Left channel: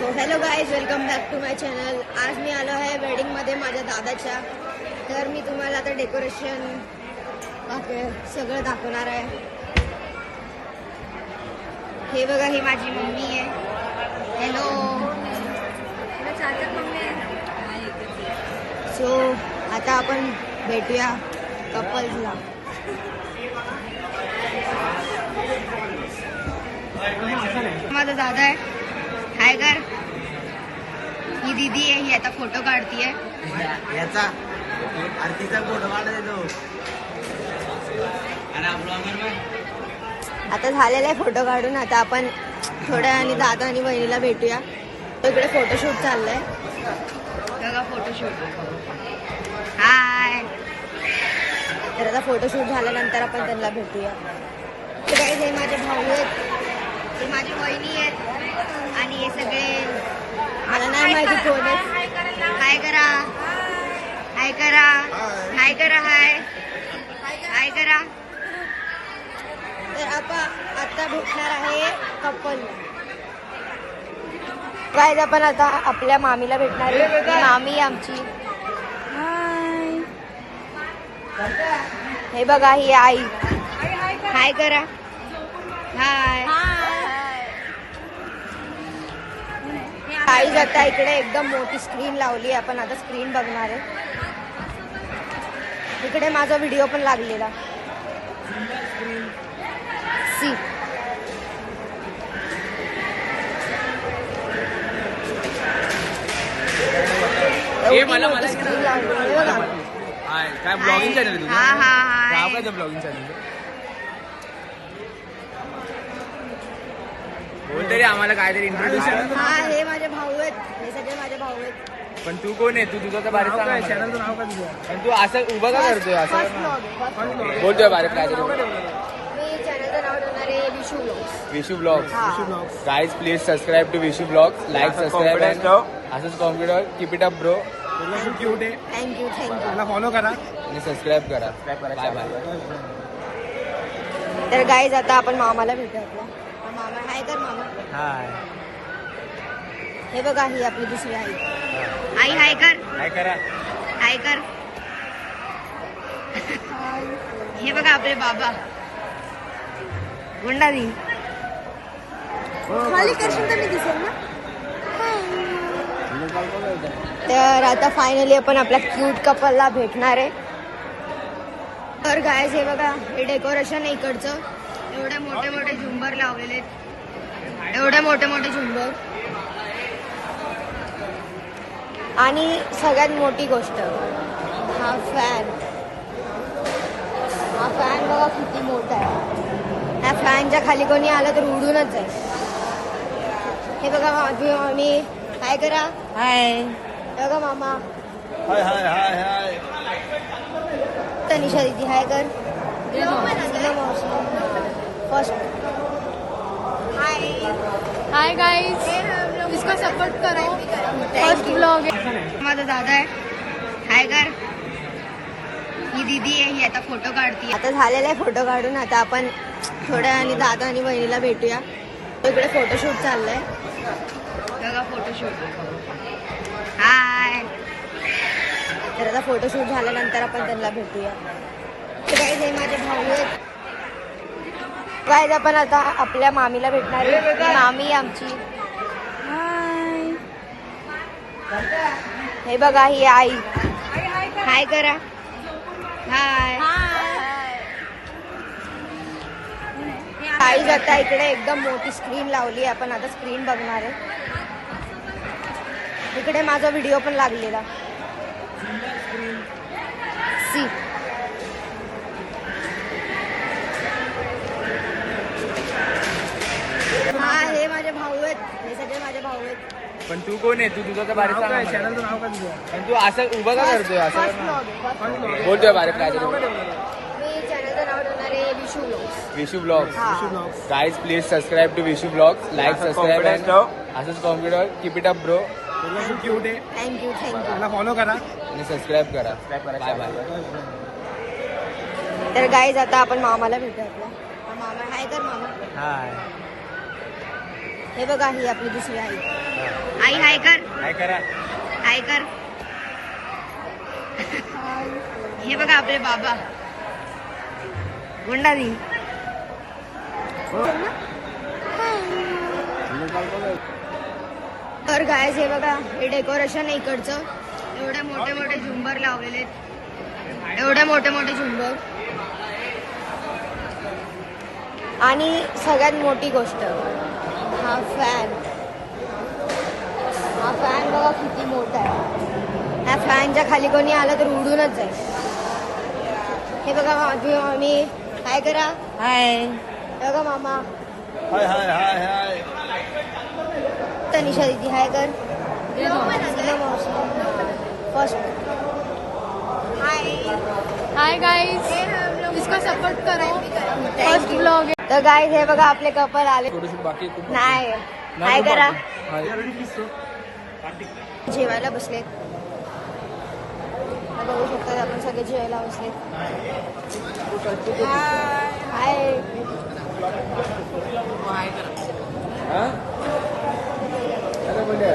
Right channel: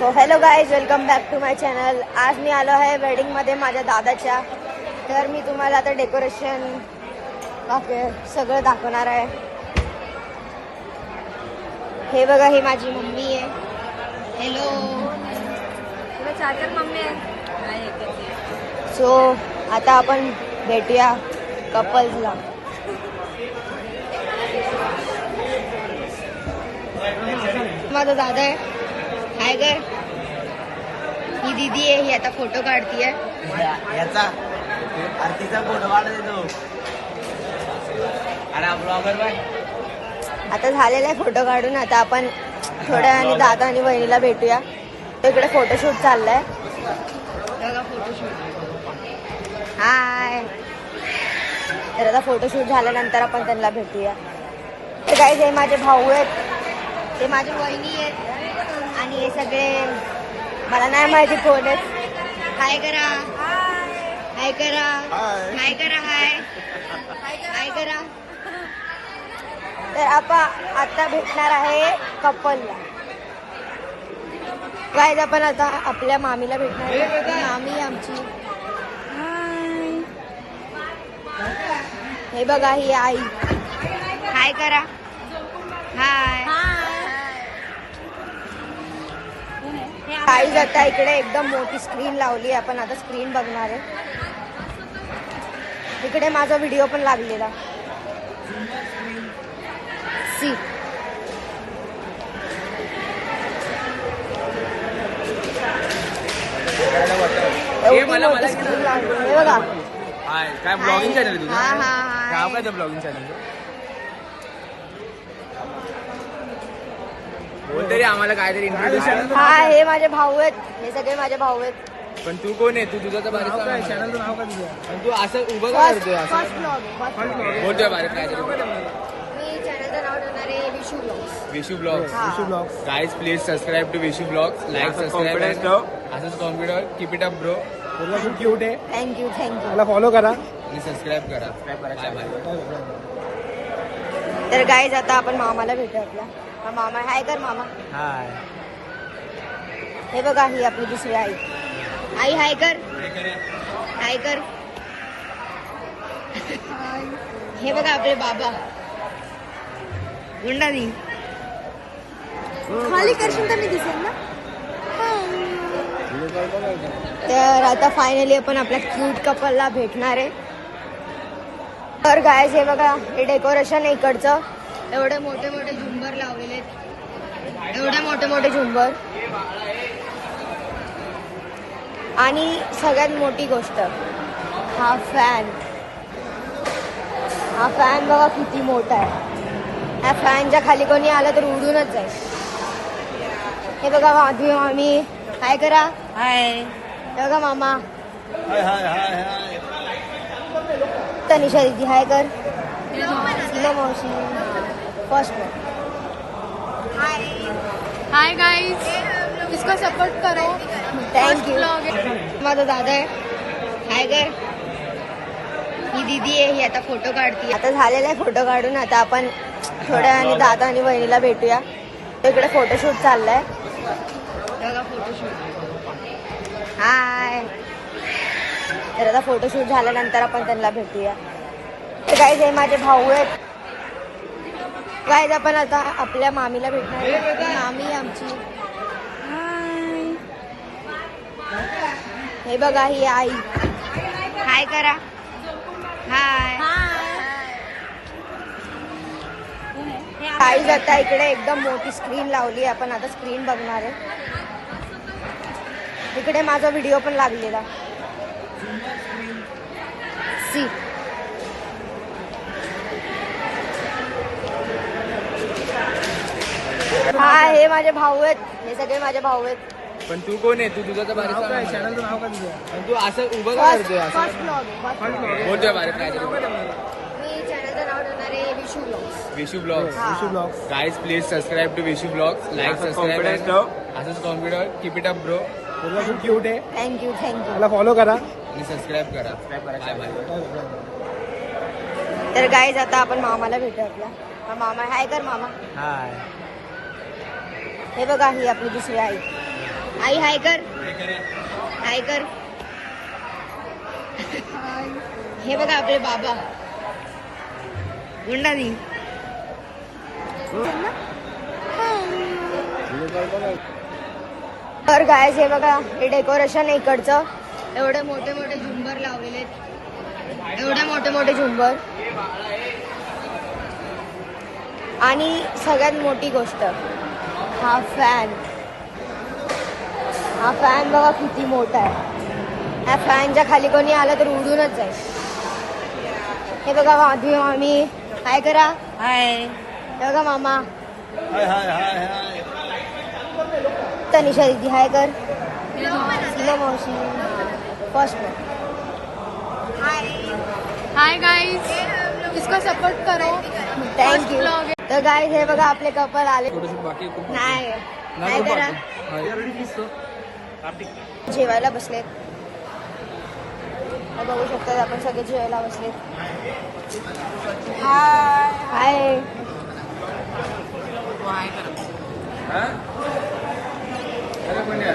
So hello guys, welcome back to my channel. आज मी आलो आहे वेडिंगमध्ये माझ्या दादाच्या. तर मी तुम्हाला आता डेकोरेशन सगळं दाखवणार आहे. हे बघा, ही माझी मम्मी आहे. हॅलो. सो आता आपण भेटूया कपल्सला. माझा दादा आहे. हाय कर. ही दीदी आहे, ही आता फोटो काढतीये. याचा आरतीचा फोटो काढतो. आता झालेला आहे फोटो काढून. आता आपण थोड्या आणि दादा आणि बहिणीला भेटूया. इकडे फोटोशूट चाललाय. बघा फोटोशूट. हाय. तर आता फोटोशूट झाल्यानंतर आपण त्यांना भेटूया. तर काय, हे माझे भाऊ आहेत, हे माझी वहिनी आहेत आणि हे सगळे मला नाही माहिती कोण आहेत. हाय करा, हाय करा, हाय करा, हाय हाय करा. तर आपण आता भेटणार आहे कपलला. काय, आपण आता आपल्या मामीला भेटणार आहे. मामी आमची. हे बघा, ही आई. हाय करा, हाय. आई जाता इकडे एकदम मोठी स्क्रीन लावली. आपण आता स्क्रीन बघणार आहे. इकडे माझा व्हिडिओ पण लागलेला. सी बघा. काय ब्लॉगिंग चॅनल तुझं? हा हा नाव काय त्या ब्लॉगिंग चॅनल? बोलतरी आम्हाला काहीतरी इंट्रोड्यूस. हा, हे माझे भाऊ आहेत. हे सगळे माझे भाऊ आहेत. पण तू कोण आहे? तू तुझं तर बारीक चॅनलचं नाव काय तुझं? पण तू असं उभं का करतोय? असं बोलतोय बारीक काहीतरी. मी चॅनलचं नाव ठेवणार आहे विशू ब्लॉग्स. विशू ब्लॉग्स. हा. Guys please subscribe to Vishu blogs. Like subscribe. असंच confident. Keep it up bro. Thank you thank you. मला फॉलो करा आणि सबस्क्राईब करा. Bye bye. तर गाईज आता आपण मामाला भेटूया. आपला हा मामा. हाय कर मामा. हाय. हे बघा, ही आपली दुसरी आई. आई हाय कर. काय करा. हाय कर. हे बघा आपले बाबा. गुंडा दी खाली करशील तर मी दिसेल ना. तर आता फायनली आपण आपल्या क्यूट कपलला भेटणार आहे. तर गायज, हे बघा, हे डेकोरेशन आहे इकडचं. एवढे मोठे मोठे झुंबर लावलेले आहेत. एवढे मोठे मोठे झुंबर. आणि सगळ्यात मोठी गोष्ट, हा फॅन. हा फॅन बघा किती मोठा आहे. ह्या फॅनच्या खाली कोणी आलं तर उडूनच जाईल. हे बघा माझी मामी. हाय करा. हाय. हे बघा मामा. हाय हाय हाय हाय. तनिषा दीदी हाय कर. हाय गाइस, इसको सपोर्ट करो. फर्स्ट ब्लॉग माझा दादा आहे. हाय कर. ही दीदी आहे, ही आता फोटो काढते. आता झालेला आहे फोटो काढून. आता आपण थोड्या आणि दादा आणि बहिणीला भेटूया. इकडे फोटोशूट चाललाय. बघा फोटोशूट. हाय. तर आता फोटोशूट झाल्यानंतर आपण त्यांना भेटूया. तर काय, हे माझे भाऊ आहेत. काय, आपण आता आपल्या मामीला भेटणार आहे. मामी आमची. हे बघा, ही आई. हाय करा. हाय. आई जाता इकडे एकदम मोठी स्क्रीन लावली. आपण आता स्क्रीन बघणार आहे. इकडे माझा व्हिडिओ पण लागलेला. सी हा, हे माझे भाऊ आहेत. हे सगळे माझे भाऊ आहेत. पण तू कोण आहे? तू तुझं तर बारीक चॅनलचं नाव काय तुझं? पण तू असं उभं का करतोय? असं बोलतोय बारीक काहीतरी. मी चॅनलचं नाव ठेवणार आहे विशू ब्लॉग्स. विशू ब्लॉग्स. हा. Guys please subscribe to Vishu blogs. Like subscribe. असंच confident. Keep it up bro. Thank you thank you. मला फॉलो करा आणि सबस्क्राईब करा. Bye bye. तर गाईज आता आपण मामाला भेटूया. आपला हा मामा. हाय कर मामा. हाय. हे बघा, ही आपली दुसरी आई. आई हाय कर, काय करा हाय कर. हे बघा आपले बाबा गुंडाजी. तर गायज हे बघा हे डेकोरेशन आहे इकडचं. एवढे मोठे मोठे झुंबर लावलेले आहेत, एवढे मोठे मोठे झुंबर. आणि सगळ्यात मोठी गोष्ट हा फॅन. हा फॅन बघा किती मोठा आहे. ह्या फॅनच्या खाली कोणी आलं तर उडूनच जाईल. हे बघा माझी आम्ही काय करा हाय. हे बघा मामा हाय हाय हाय हाय. तनिषा दीदी हाय कर. हाय गाइस, इसको सपोर्ट करो. फर्स्ट ब्लॉग है. तर गाईज हे बघा आपले कपल आले. फोटोशूट बाकी आहे खूप. नाही काय करा हाय. जेवायला बसलेत. हा बघू शकता आपण सगळे जेवायला बसलेत. हाय. हाँ? अरे बढ़िया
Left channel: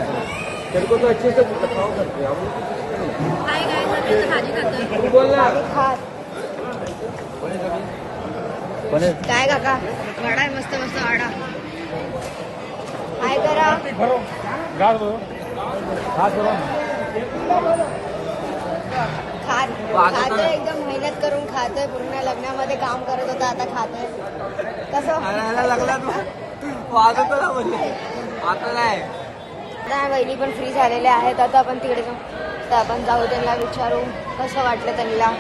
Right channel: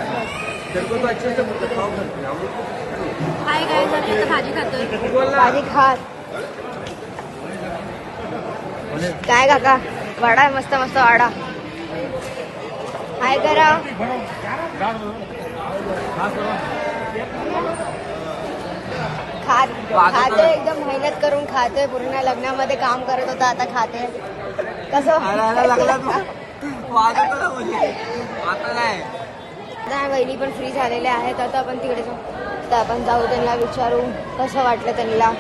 तेरे को अच्छे से आणि खा. काय काका वाडा आहे मस्त मस्त वाडा. काय करा खाते एकदम मेहनत करून खाते. पूर्ण लग्नामध्ये काम करत होता आता खाते. कसं लागलात वाद होतो ना म्हणजे आता नाही. आता वहिनी पण फ्री झालेले आहेत. आता आपण तिकडे जाऊ. तर आपण जाऊ त्यांना विचारू कसं वाटलं त्यांना.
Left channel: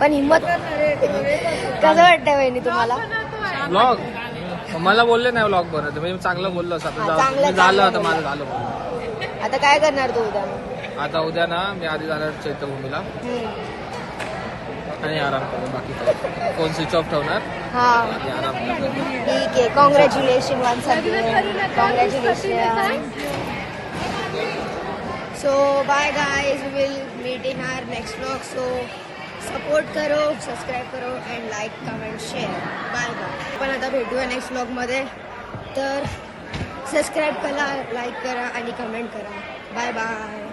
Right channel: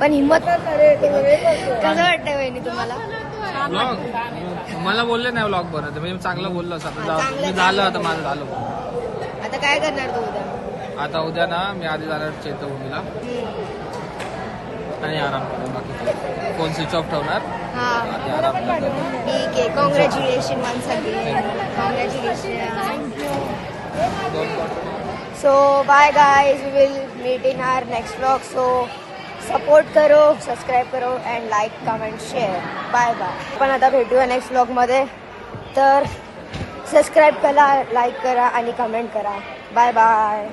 पण हिंमत कसं वाटतं वहिनी तुम्हाला. व्लॉग मला बोलले नाही व्लॉग बनवते म्हणजे चांगलं बोललो असं चांगलं आपलं झालं आता माझं झालं. आता काय करणार तू उद्या. आता उद्या ना मी आधी जाणार चैत्यभूमीला आणि आराम करतो. बाकी काय फोन स्विच ऑफ ठेवणार हा आणि आराम करतो. ठीक आहे. Congratulation once again. Congratulation. So bye guys, we will meet in our next vlog. So support करो, सबस्क्राईब करो and like comment share. Bye bye. पण आता भेटूया नेक्स्ट व्लॉगमध्ये. तर सबस्क्राईब करा, लाईक करा आणि कमेंट करा. Bye bye.